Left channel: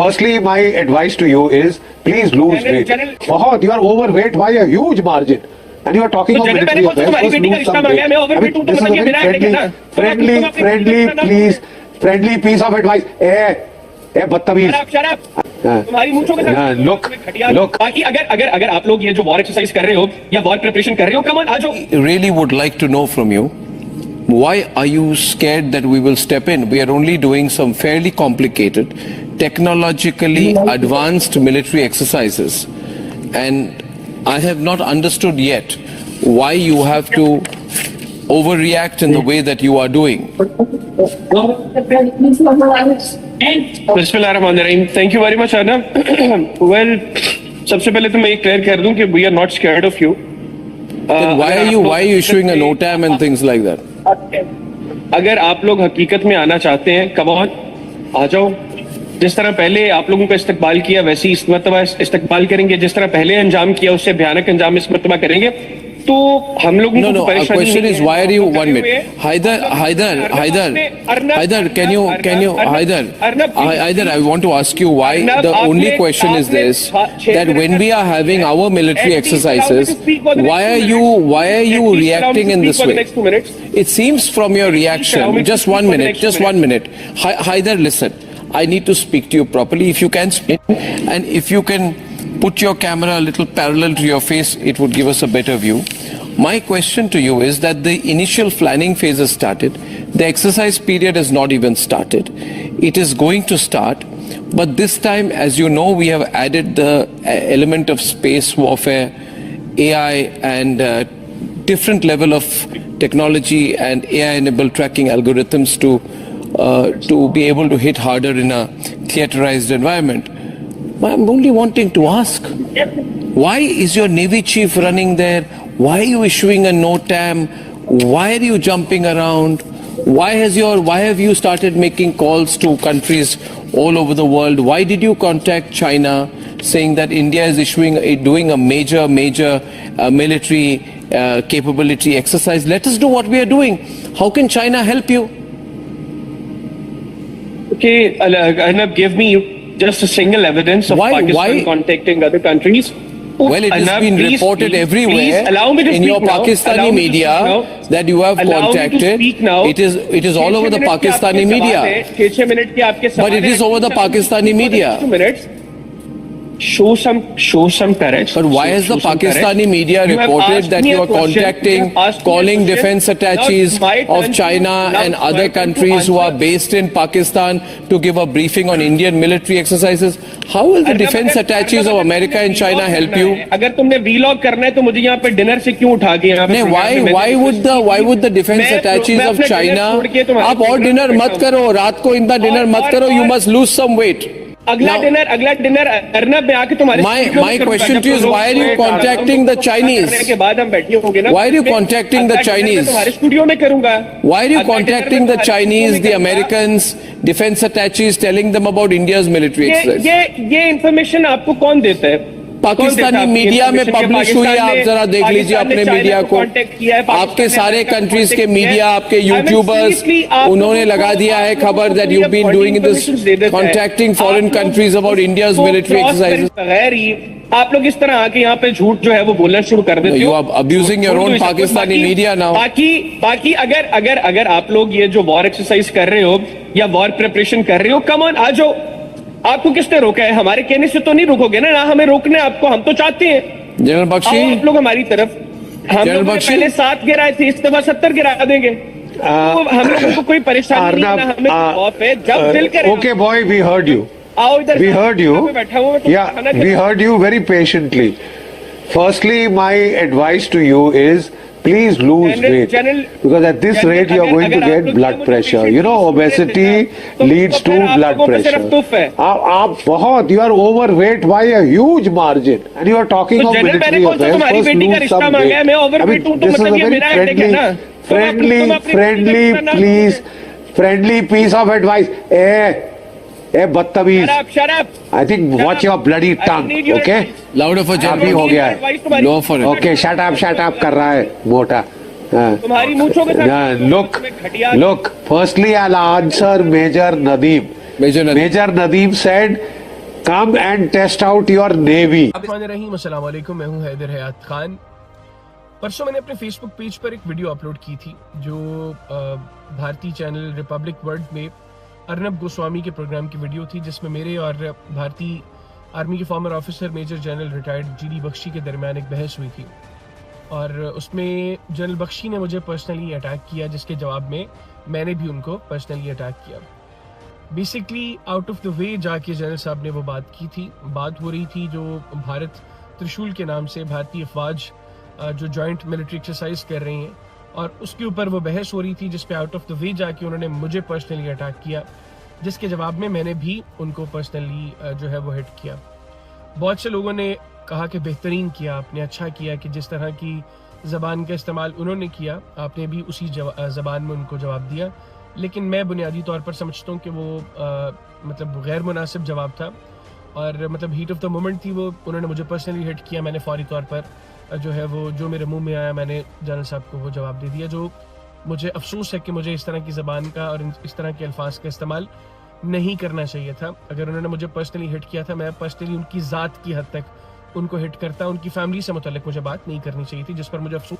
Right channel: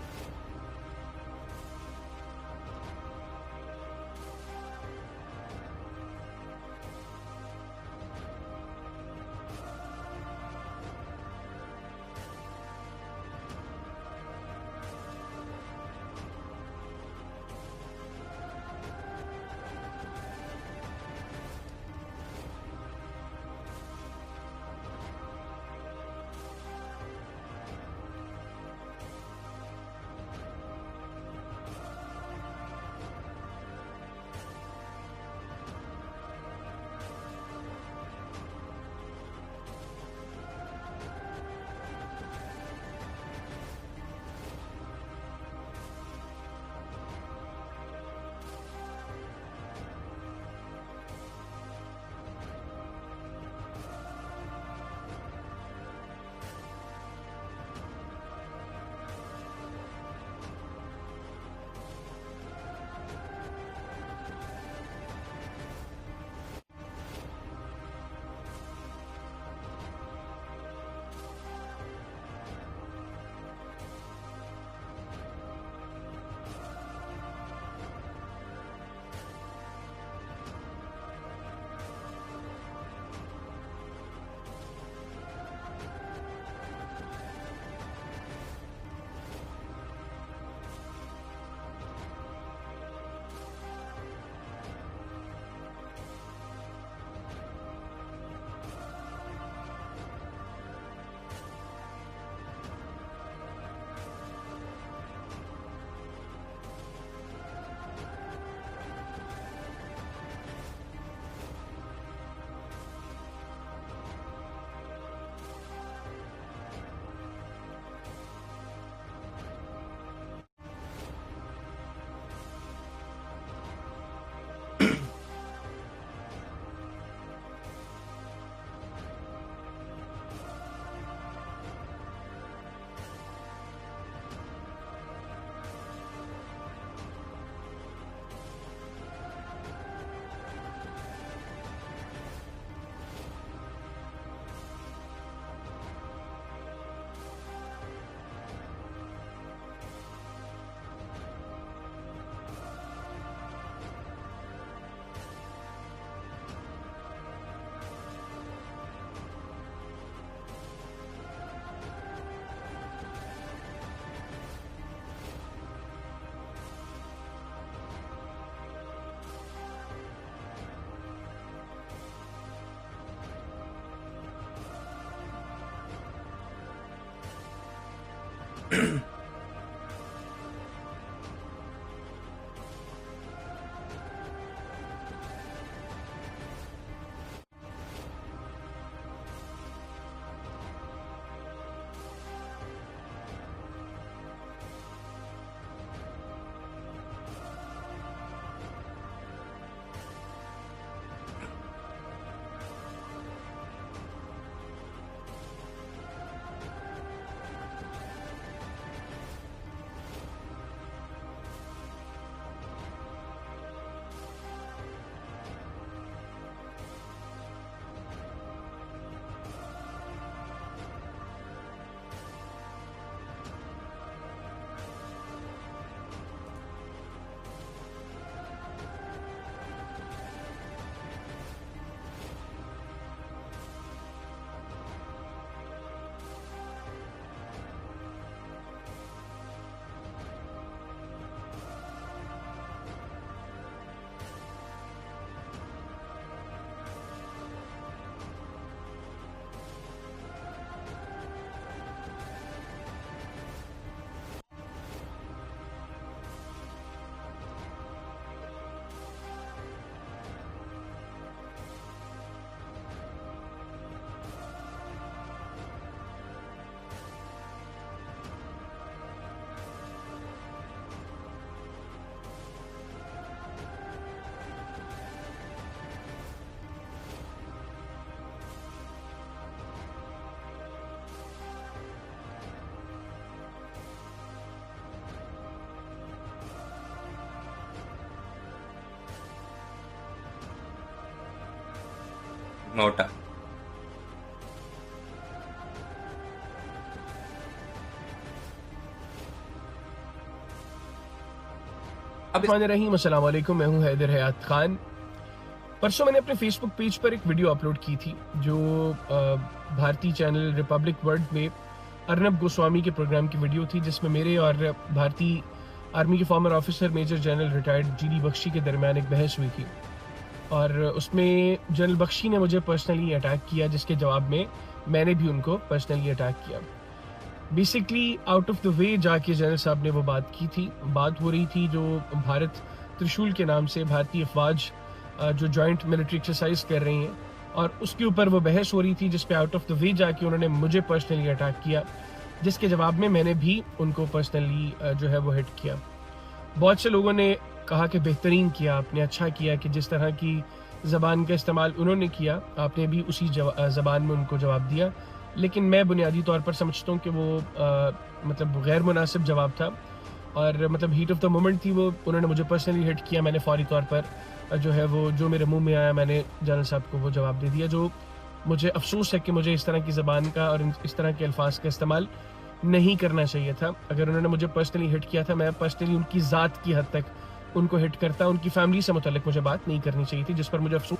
Firstly, my advice to you is please lose weight. बहुत, you are overweight by a huge margin. And you are talking of military affairs. First lose some weight. I mean, this is a very friendly piece of advice. बदतमीज. तुम्हारी मूंछों के साथ Look. बाकी अगर आप लोग ये जो वॉर एक्सरसाइज कर रहे हो या वॉर प्रिपरेशन कर रहे हो, कम ऑन आ जाओ. Really would like to know from you, why are you scared that we will step in? We are only doing some fairly complicated, technologically advanced military exercises. And I have not understood yet why you have to overreact in the way that you are doing. बिस्मिल्लाहिर्रहमानिर्रहीम. Thank you very much Arnab. Well, सबसे पहले तो मैं ये clear कर दूं कि we are not scared of you. Then why are you issuing a NOTAM and things like that? अगर आप लोग हकीकत में आना चाहते हैं, कम ऑन आ जाओ. जिस तरह पहले आप लोगों का इस्तकबाल किया वैसे ही इस मर्तबा इस्तकबाल करेंगे. जिस तरह पहले अंजाम किया उससे भयानक अंजाम इस मर्तबा करेंगे. तो हम लोगों No. Our question is, why are you 1 minute? Haider, can you Haider, I want to ask you why. The only question is this: that when we are having our military exercises, why are you reacting in this way? It seems from your reaction. Just 1 minute. Haider, listen. I need to speak to you properly. If you can speak, and if you can put your camera a little parallel to your face, it would give us a better view. My question to you is that the initial planning phase has started. The exercise period has not even started. It is going to start. But this time, as you know, we have added the element of space warfare, AI, and different level of technology and AI-enabled tracking algorithms to be able to hit harder in a theaterized environment. I'm only wanting to ask, why is your Navy chief running there? Why are you issuing a NOTAM? Why are you jumping around? Why have you started making calls to countries all over the world? Why did you contact China saying that India is doing a major military capability exercise? Let us do what we are doing. How can China help you? Okay, Arnab, give me just a single evidence of Pakistan contacting other countries. Well, it has been reported everywhere in your Pakistani media that you have contacted. It is all over the Pakistani media. But it is over the Pakistani media. Show some courage. But why has the Pakistani media reported that you are contacting, calling defense attaches of China and other countries who are based in Pakistan to give a briefing on Indian military exercises? How will the defense attaches of America and China help you? अगर तुमने vlog करना है तो मुझे यहाँ पे dinner से क्यों उठा के यहाँ पे? Why would the defense attaches of China? आप और डिनर मत करो, रात को इतना डिनर मत करो. You must lose some weight. अगला डिनर अर्नब में आके तुम्हारे. My question to you is, why are you contacting the Chinese? के बाद हम बैठे होंगे ना. Why are you contacting the Chinese? तुम्हारे स्टूडियो में करूंगा. Why are you contacting the Chinese, the Americans, defense attaches, telling them about India's military exercise? ये इंफॉर्मेशन आपको कौन देता है? पाकिस्तानी मीडिया में पब्लिश हुई है. आप जरा देख लीजिए अपने मीडिया को. आपके सारे कंट्रीज के मीडिया, आपके यूट्यूबर्स, उन्होंने लगा दिया है खबर that you've been doing this, contacting foreign countries about India's military exercises. आप लोग इस तरह आके यहाँ पे झूठ जो है वो बोलना शुरू कर देते हो. You are abusing your own Pakistani media now. बाकी अगर आप लोग ये जो वॉर एक्सरसाइज कर रहे हो या वॉर प्रिपरेशन कर रहे हो, कम ऑन आ जाओ. आपको किसने रोका है? हमारे कहने से तो नहीं रुकोगे ना हमें रोकने आपको. हम तो चाहते हैं जनरल बख्शी, आप लोग हमारी तरफ. हम लोग पहले 7 गिराए थे, इस दफा 70 गिरा देंगे. हम लोगों को कोई परेशानी नहीं है. हमें खौफ है जब दिल करे. Okay boy, we heard you. आओ इधर. We heard you. Yeah, we heard you very patiently. Firstly, my advice to you is please lose weight, because at this rate you are going to get blood pressure. You know, obesity leads to blood pressure. You are overweight by a huge margin, and you are talking of military affairs. First lose some weight. I mean, this is a very friendly piece of advice. बदतमीज. I think watch your bloody tongue, okay? Louder for General. अभी हो गया है. Lower for it. Okay, shut up कर रहा है मोटा. तुम्हारी मूंछों के साथ. Look. Firstly, I'll answer Major Nadeem. Major Nadeem said come and test out your navy. रहीम, अस्सलाम वालेकुम, मैं हूं हैदर हयात खान। परसों मैंने अपने फेसबुक पेज पर एक वीडियो अपलोड की थी जो भारतीय चैनल रिपब्लिक वर्ल्ड में अर्नब गोस्वामी के प्रोग्राम की वीडियो थी, जिसमें मेरे और भारतीय आर्मी के former officer major general retired GD Bakshi के दरमियान एक बहस हुई थी और उसमें जनरल बख्शी ने मुझे पर्सनली अटैक किया, जिसके जवाब में मैंने भी उनको पर्सनली अटैक किया। Basically out of the way जाके जनरल साहब ने वो बात की थी। बात हो रही थी जो भारत त्रिशूल के नाम से भारतीय अफवाज जो जॉइंट मिलिट्री एक्सरसाइज कर रही हैं और उसके ऊपर वो बहस हो रही थी, जिसपे आउट ऑफ द वे जाके उन्होंने मुझे पर्सनली अटैक किया, जिसके जवाब में मैंने भी उनको पर्सनली जो है वो हिट किया। बहुत से लोगों ने कहा कि बेहतरीन किया आपने, अच्छा किया कि जिस तरह की ज़बान का इस्तेमाल उन्होंने किया आपने भी उसी ज़बान में उनको जवाब दिया, लेकिन मैं बुनियादी तौर पर समझता हूँ कि वो मतलब गैर मुनासिब जवाब था और मतलब हीट ऑफ द मोमेंट थी वो। उन्होंने मुझे पर्सनली हिट किया, मैंने फौरी तौर पर जो है वो जो मेरे मुंह में आया मैंने जनरल साहब को वो जवाब दे दिया। जो मुझे अफसोस है कि मुझे इस तरह की ज़बान का और इस तरह के अल्फाज का इस्तेमाल नहीं करना चाहिए था। अगर उन्होंने मुझे पर्सनली हिट किया था, मैं पर्सनली उनकी ज़ात की हद तक उनको हिट करता, उनकी फैमिली से मुतल्लिक मुझे बात नहीं करनी चाहिए थी, जिस पर मुझे अफसोस